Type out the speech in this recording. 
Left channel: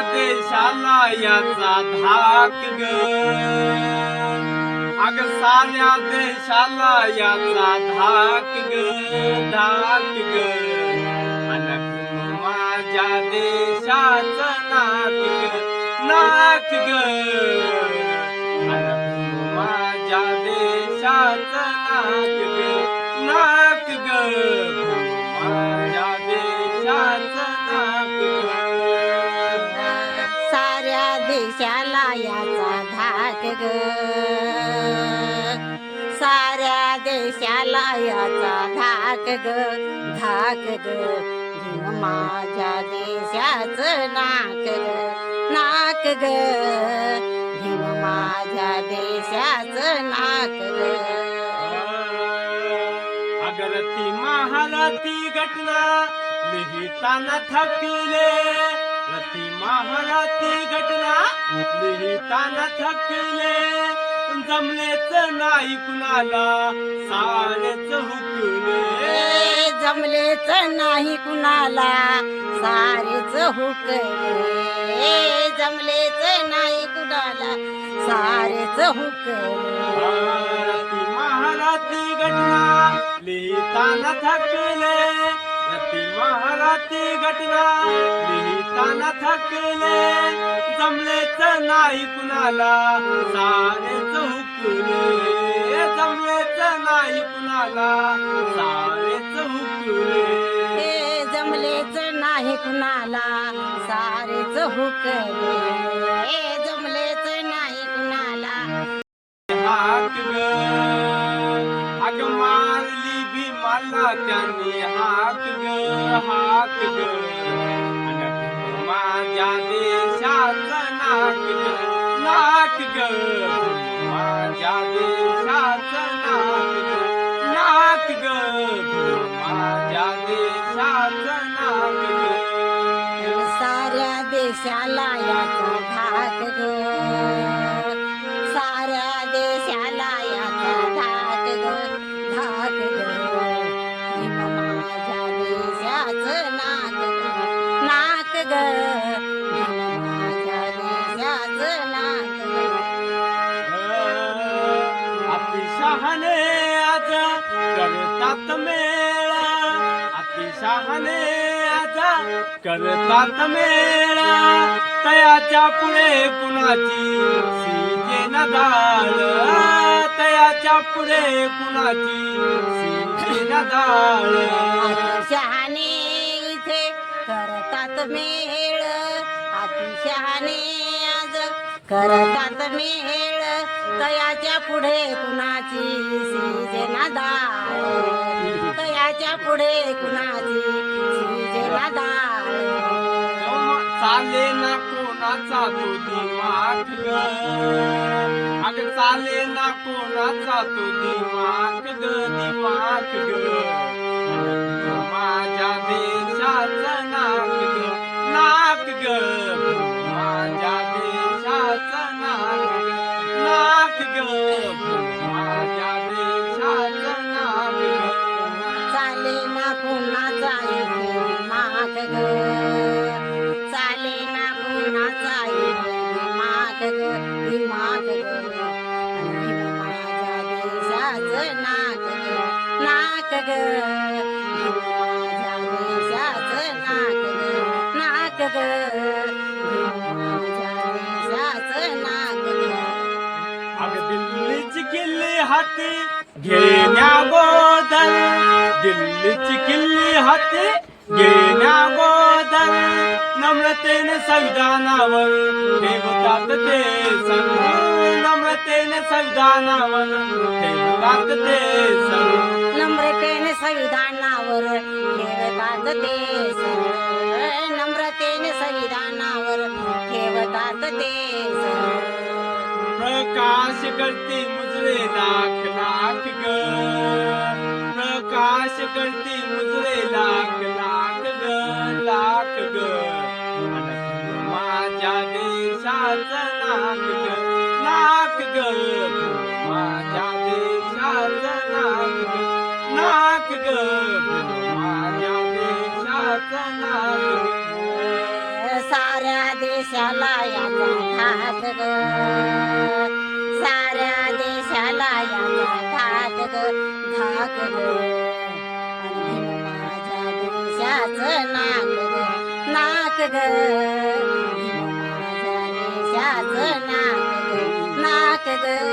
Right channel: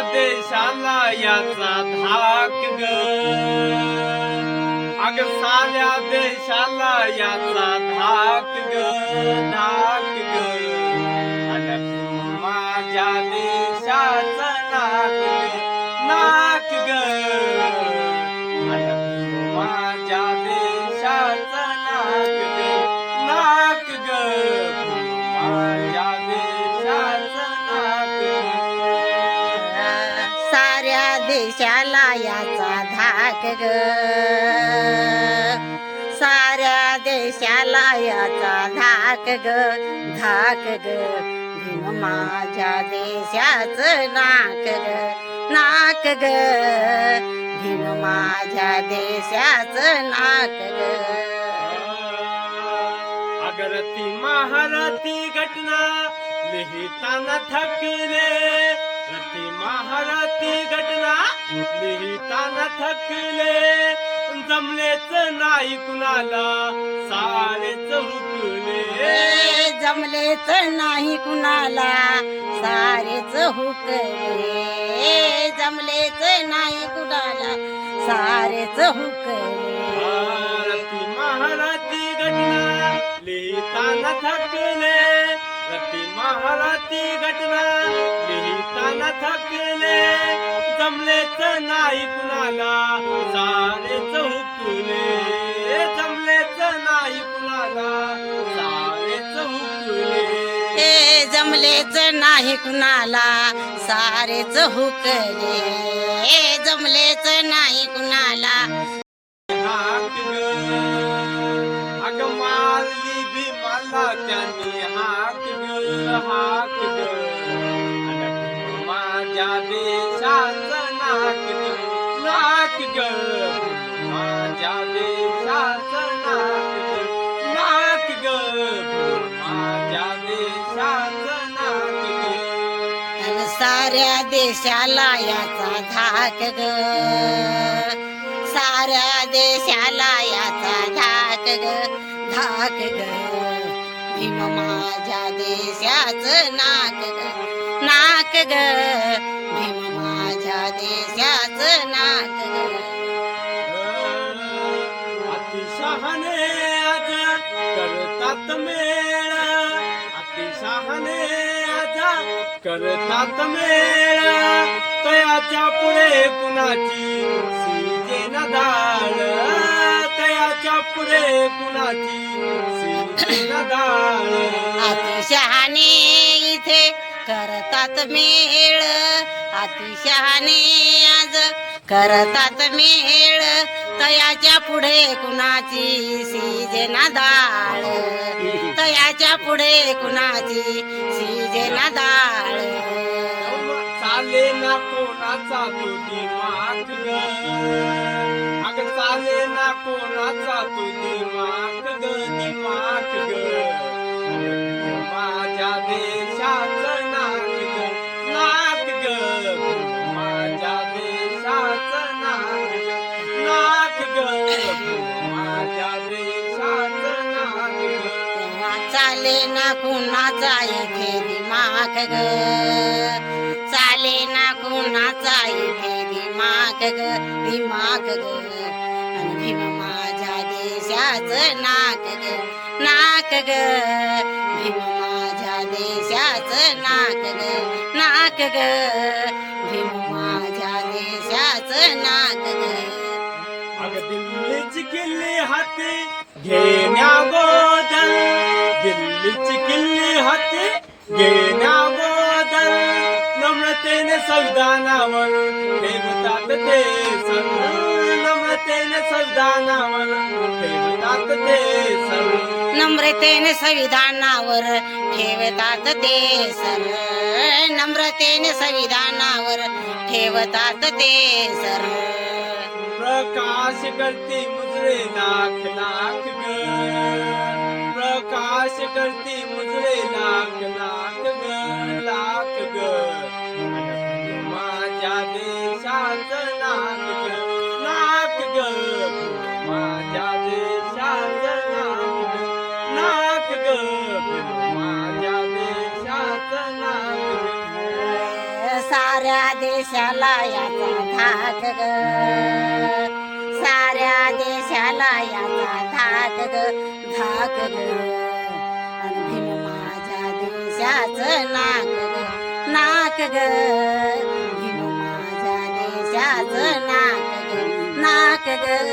देशाला याचा धाक ग. अग साऱ्या देशाला याचा धाक ग धाक ग. माझ्या देशाचं नाक ग नाक ग. साऱ्या देशाला याचा धाक ग. साऱ्या देशाला याचा धाक ग. धाक ग. भीम माझ्या देशाच नाक ग. नाक ग. भीम माझ्या देशाच नाक ग. अगर महाराती घटना लिहिताना थकले रती महाराती घटना लिहिताना थकले जमलेच नाही कुणाला सारेच हुकले. जमलेच नाही कुणाला सारेच हुकले. जमलेच नाही कुणाला सारेच हुकले. रती महाराती घटना लिहिताना थकले रती महाराती घटना लिहिताना थकले. जमलेच नाही कुणाला सारेच हुकले जमलेच नाही कुणाला सारेच हुकले हे जमलेच नाही कुणाला सारेच हुकले हे जमलेच नाही कुणाला. अग मारली बी मला त्यांनी हाक ग माझ्या देशाचं नाक ग नाक ग माझ्या देशाचं नाक ग नाक ग माझ्या देशाचं नाक ग साऱ्या देशाला याचा धाक ग. साऱ्या देशाला याचा धाक ग. धाक ग. भीम माझ्या देशाच नाक ग नाक ग भीम माझ्या देशाच नाक ग अतिशहाणे आज करतात मेळा. अतिशहाने आज करतात मेळा. तयाच्या पुढे कुणाची सीजे नदाळ तया तयाच्या पुढे कुणाची? इथे करतात मेळ. अतिशहाणे आज करतात मेळ. तयाच्या पुढे कुणाची सीजना डाळ तयाच्या पुढे कुणाची सीजना डाळ चाले ना कोणाचा तो दिमाग ग? अग चाले ना कोणाचा तो दिमाग ग? दिमाग ग. माझ्या देशाचं नाक ग. नाक ग. माझ्या देशाचं नाक ग. नाक ग. माझ्या देशाचं नाक ग. चाले ना कोणाचा इथे दिमाग ग? कुणाचा इथे दिमाग दिमाग भीम माझ्या नाक ग नाक ग. भीम माझ्या देशाचं नाक ग नाक ग. भीम माझ्या नाक ग. अग हाती घेण्या संविधानावर ठेवतात ते नम्रतेने संविधानावर ठेवतात ते नम्रतेने संविधानावर ठेवतात ते सर नम्रतेने संविधानावर ठेवतात ते सर प्रकाश करते मुजरे लाख लाख ग प्रकाश करते मुजरे देशाला याचा धाक ग. साऱ्या देशाला याचा धाक ग. धाक ग. माझ्या देशाच नाक ग. नाक ग. माझ्या देशाच नाक ग. नाक ग.